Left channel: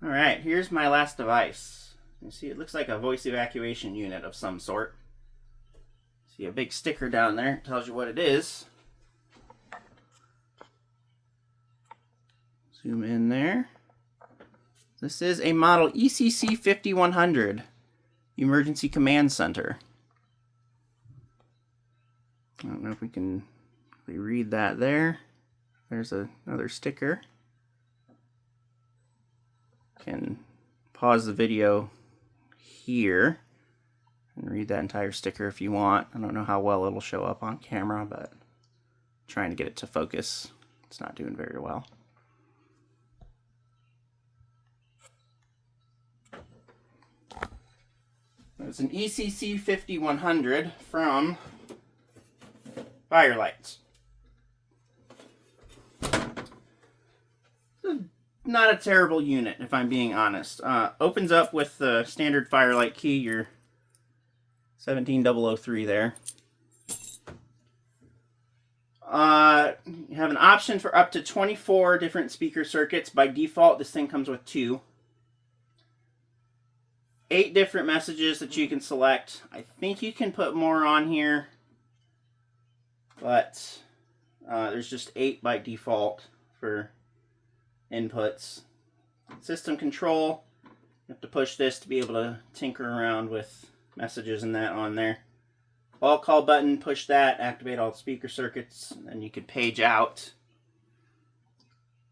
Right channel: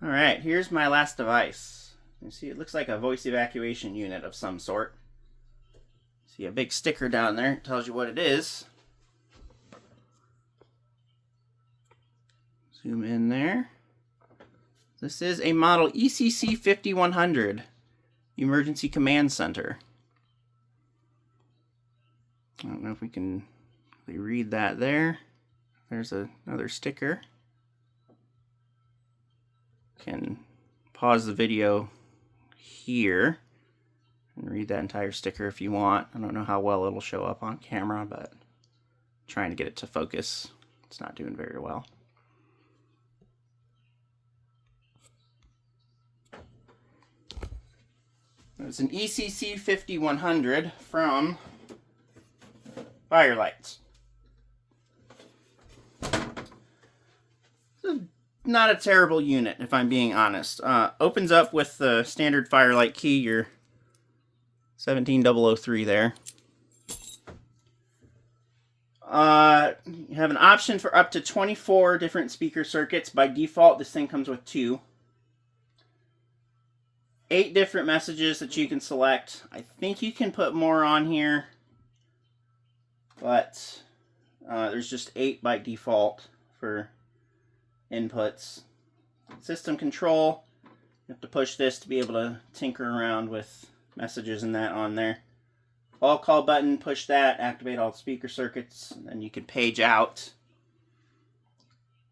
All right, here's my last device. You see, it looks like a voice evacuation unit of some sort. See a big sticker down there, it tells you what it is. Zoom in there. This is a model ECC-50 Emergency Command Center. I don't know if we can really read that there. There's another sticker. Can pause the video here and read that entire sticker if you want. I don't know how well it'll show up on camera, but I'm trying to get it to focus. It's not doing very well. It's an ECC-50 from Fire-Lite. Not a terrible unit, if I'm being honest. Opens up with the standard Fire-Lite key, your 17003 there. You have an option for up to 24 different speaker circuits. By default, this thing comes with 2. 8 different messages that you can select. I think you can put more on here, but there's just 8 by default for inputs. System control, you have to push this to be able to tinker around with messages and that on there. All call button, push that, activate all the speaker circuits, and you can page out.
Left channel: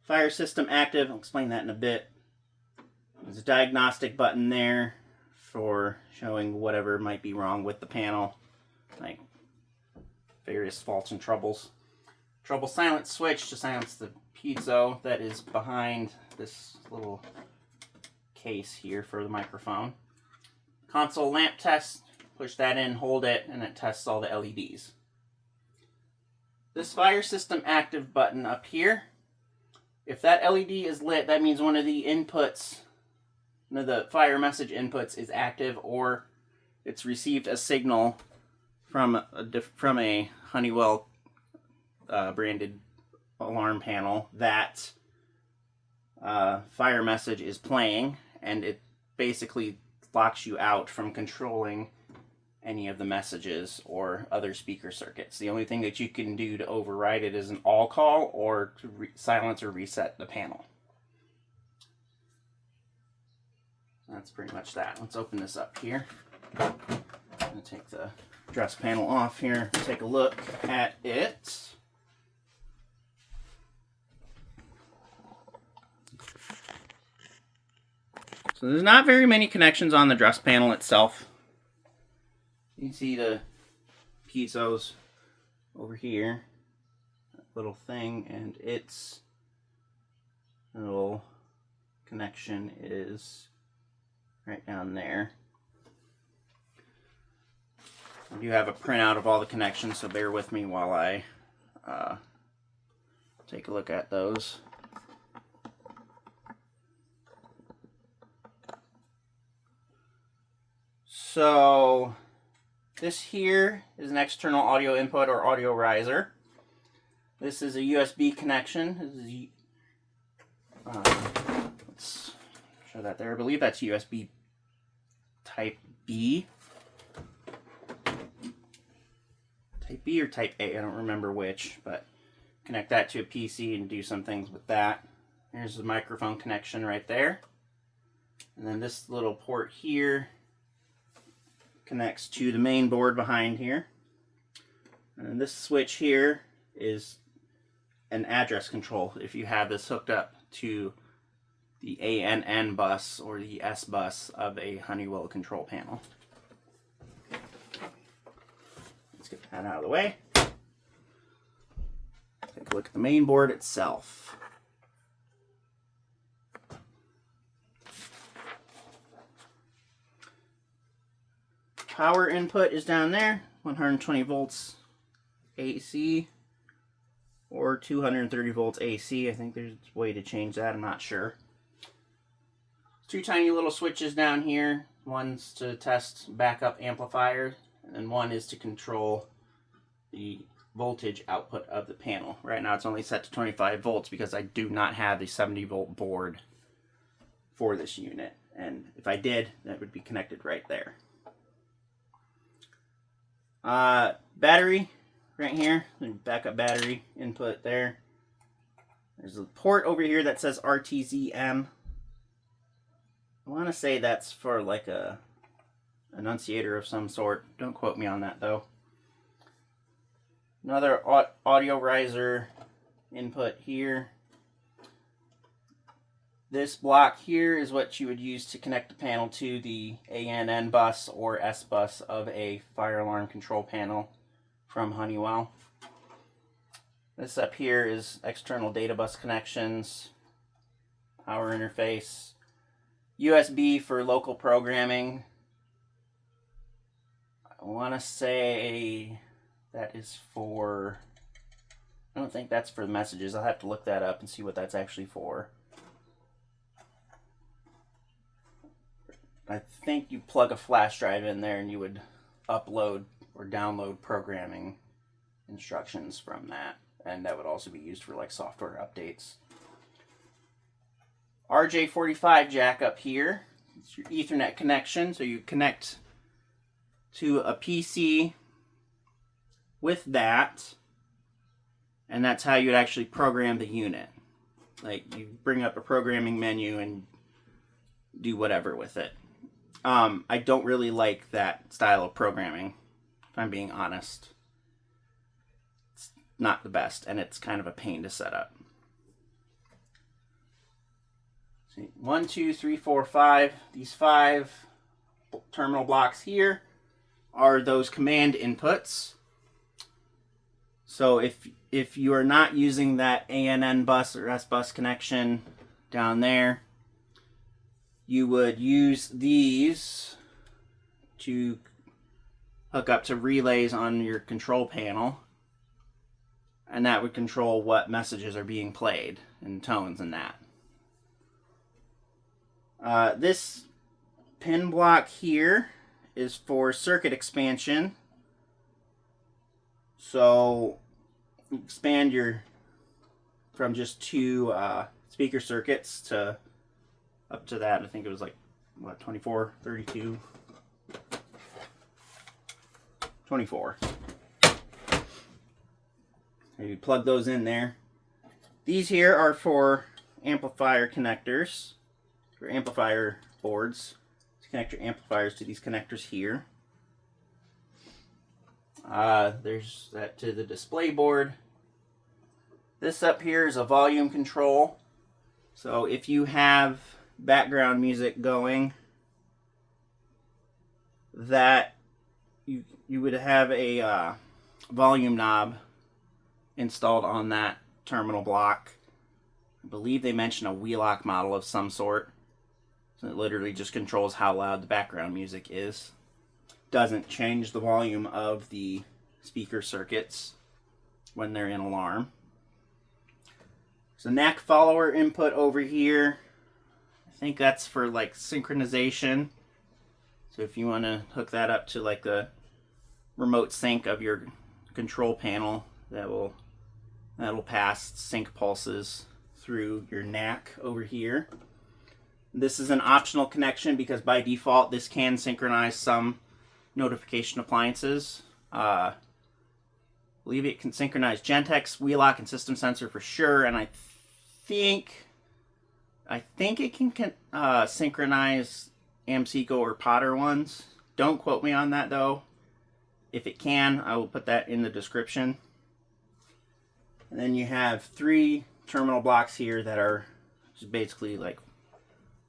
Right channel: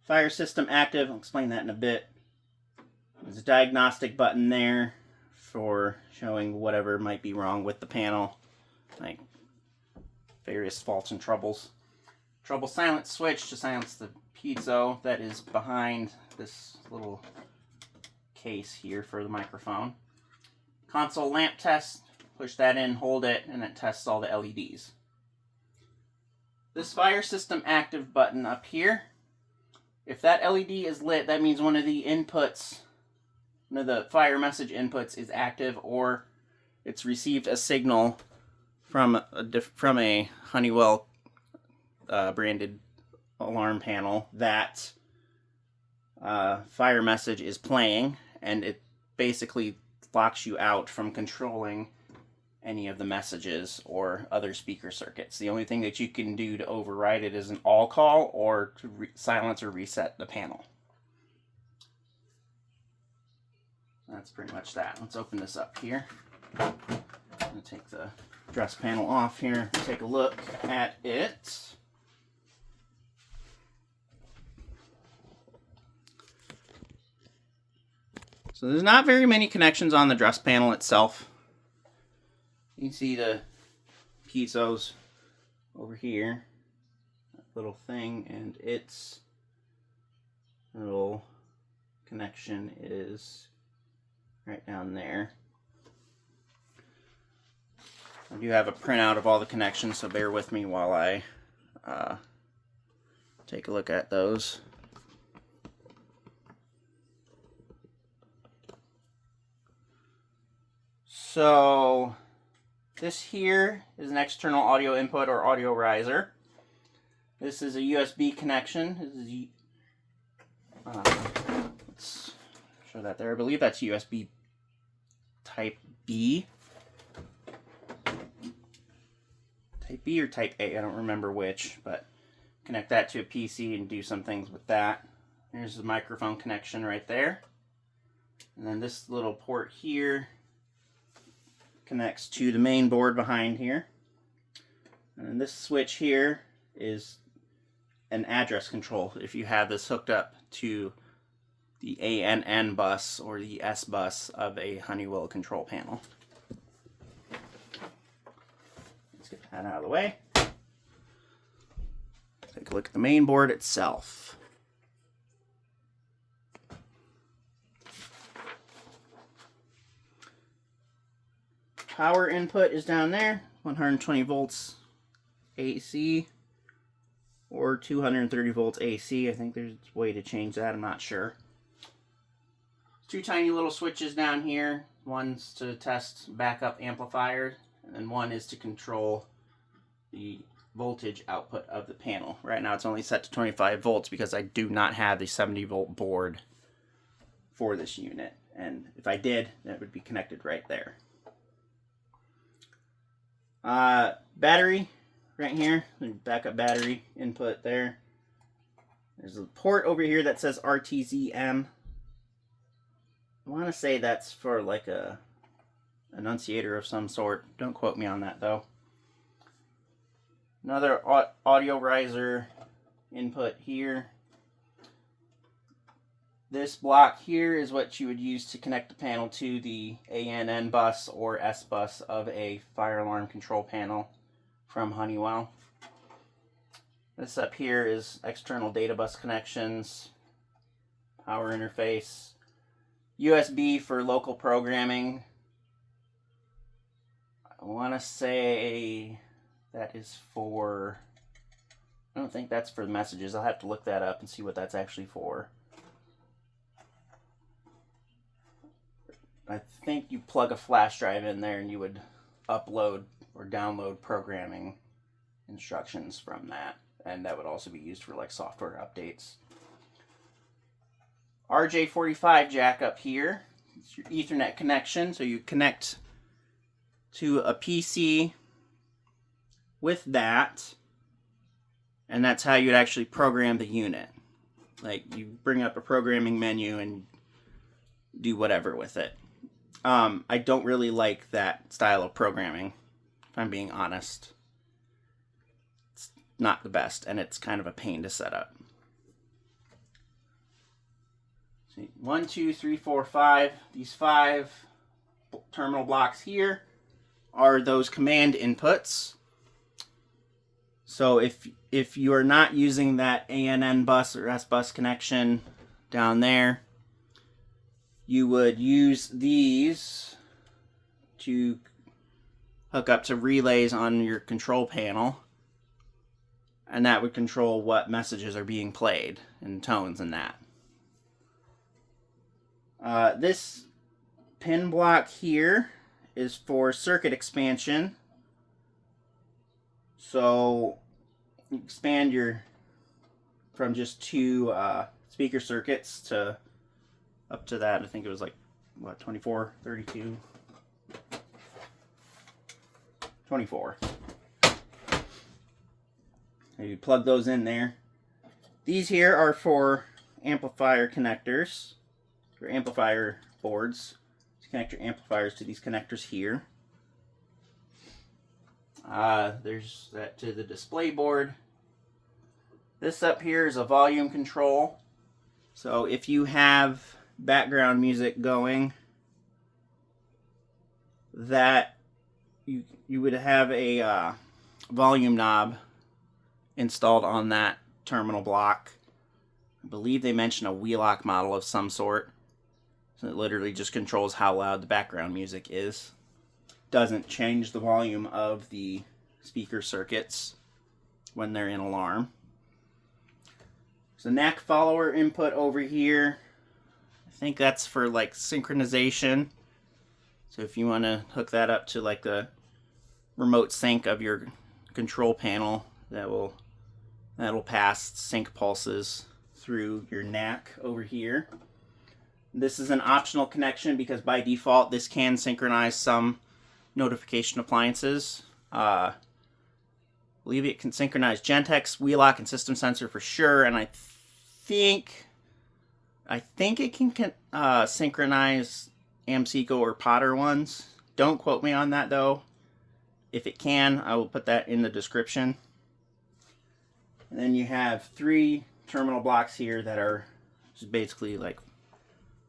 Fire system active, I'll explain that in a bit. There's a diagnostic button there for showing whatever might be wrong with the panel, like various faults and troubles. Trouble silence switch to silence the piezo that is behind this little case here for the microphone. Console lamp test, push that in, hold it, and it tests all the LEDs. This fire system active button up here, if that LED is lit, that means one of the inputs, one of the fire message inputs is active, or it's received a signal from a Honeywell branded alarm panel that fire message is playing, and it basically locks you out from controlling any of the messages or other speaker circuits. The only thing that you can do to override it is an all call or to silence or reset the panel. That's pretty much that. Let's open this up here. I'm going to take the dress panel off here and take a look at it. So there's not very many connections on the dress panel itself. You can see the piezos over here, that little thing, and its little connection is right down there. I do have a printout of all the connections, so bear with me while I take a look at those. So this here is an external audio input or audio riser. This is a USB connection. This is, let's show that there. I believe that's USB Type B. Type B or Type A, I don't remember which, but connect that to a PC and do some things with that. There's the microphone connection right there. And then this little port here connects to the main board behind here. And then this switch here is an address control if you have this hooked up to the ANN bus or the S bus of a Honeywell control panel. Let's get that out of the way. Take a look at the main board itself. Power input is down there, 120 volts AC or 230 volts AC. I think there's a way to change that, I'm not sure. 2 tiny little switches down here. One's to test backup amplifier, and then one is to control the voltage output of the panel. Right now it's only set to 25 volts because I do not have the 70 volt board for this unit. And if I did, that would be connected right there. Battery right here, backup battery input there. There's a port over here that says RTZM. I want to say that's for like a annunciator of some sort. Don't quote me on that though. Another audio riser input here. This block here is what you would use to connect the panel to the ANN bus or S bus of a fire alarm control panel from Honeywell. This up here is external data bus connections, power interface, USB for local programming. I want to say that is for, I don't think that's for the messages. I'll have to look that up and see what that's actually for. I think you plug a flash drive in there and you would upload or download programming instructions from that. And that would also be used for like software updates. RJ45 jack up here. It's your Ethernet connection. So you connect to a PC with that. And that's how you'd actually program the unit. Like you bring up a programming menu and do whatever with it. I don't really like that style of programming, if I'm being honest. It's not the best, and it's kind of a pain to set up. See, 1, 2, 3, 4, 5. These 5 terminal blocks here are those command inputs. So if you are not using that ANN bus or S bus connection down there, you would use these to hook up to relays on your control panel, and that would control what messages are being played and tones and that. This pin block here is for circuit expansion. So you expand your from just 2 speaker circuits to up to that. I think it was like, what, 24, 32, 24. You plug those in there. These here are for amplifier connectors, for amplifier boards. To connect your amplifiers to these connectors here. There's that to the display board. This up here is a volume control. So if you have background music going, that you would have a volume knob installed on that terminal block. I believe they mentioned a Wheelock model of some sort. So it literally just controls how loud the background music is. Doesn't change the volume of the speaker circuits when they're in alarm. So NAC follower input over here. I think that's for like synchronization. So if you want to hook that up to like the remote sync of your control panel, that'll pass sync pulses through your NAC over here. This is an optional connection because by default this can synchronize some notification appliances. I believe it can synchronize Gentex, Wheelock, and System Sensor for sure, and I think it can synchronize AMSECO or Potter ones. Don't quote me on that though. If it can, I will put that in the description. And then you have 3 terminal blocks here that are just basically like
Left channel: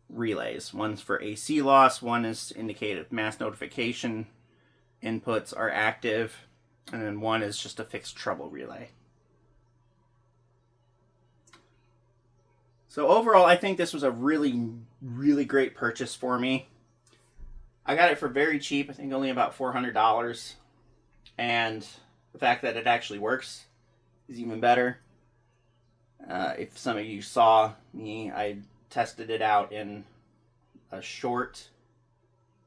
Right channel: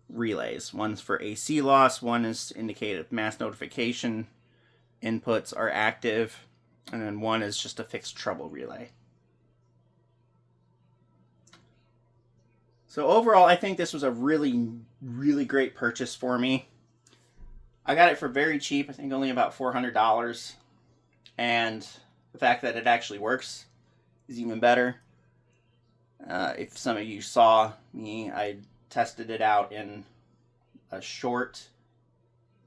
relays. One's for AC loss, one is to indicate if mass notification inputs are active, and then one is just a fixed treble relay. So overall, I think this was a really, really great purchase for me. I got it for very cheap, I think only about $400. And the fact that it actually works is even better. If some of you saw me, I tested it out in a short.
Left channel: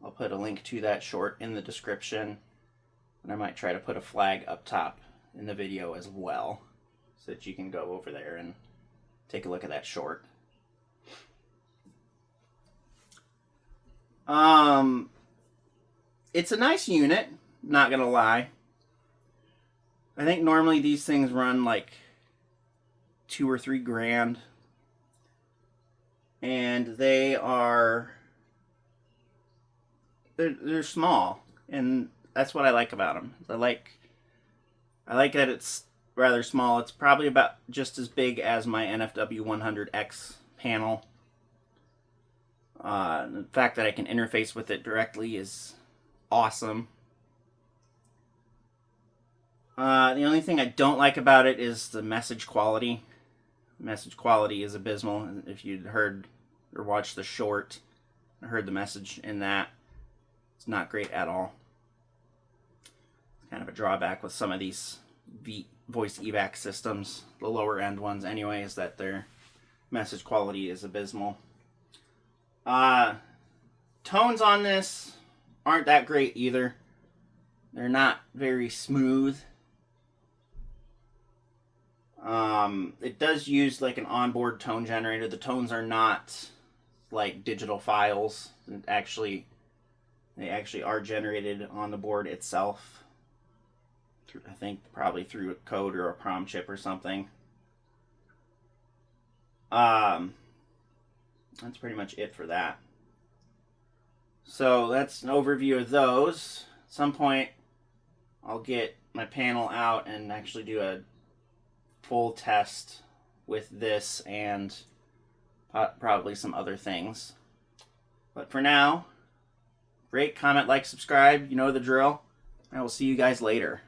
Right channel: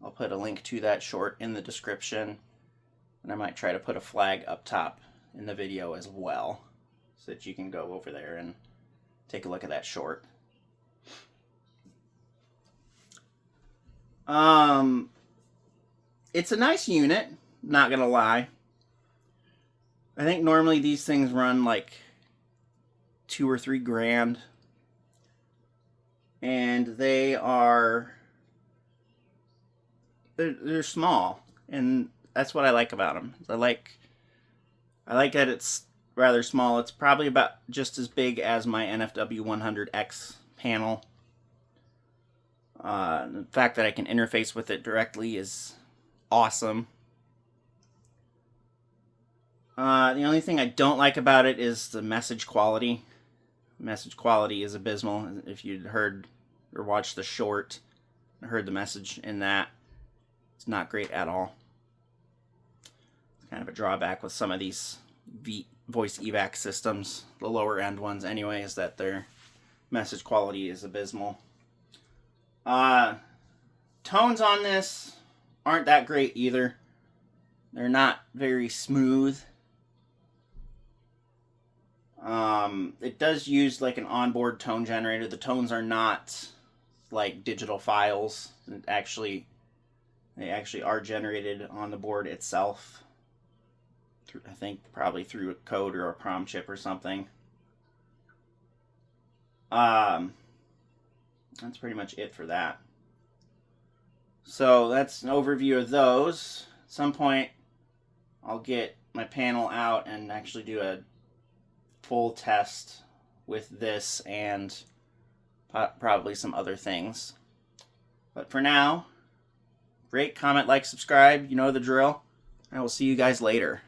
I'll put a link to that short in the description. And I might try to put a flag up top in the video as well, so that you can go over there and take a look at that short. It's a nice unit, not gonna lie. I think normally these things run like $2 or $3 grand. And they're small, and that's what I like about them. I like that it's rather small. It's probably about just as big as my NFW 100X panel. The fact that I can interface with it directly is awesome. The only thing I don't like about it is the message quality. Message quality is abysmal. If you'd heard or watched the short, heard the message in that, it's not great at all. It's kind of a drawback with some of these voice evac systems, the lower end ones anyway, is that their message quality is abysmal. Tones on this aren't that great either. They're not very smooth. It does use like an onboard tone generator. The tones are not like digital files. They actually are generated on the board itself. I think probably through a code or a PROM chip or something. That's pretty much it for that. So that's an overview of those. At some point, I'll get my panel out and actually do a full test with this and probably some other things. But for now, rate, comment, like, subscribe. You know the drill. I will see you guys later.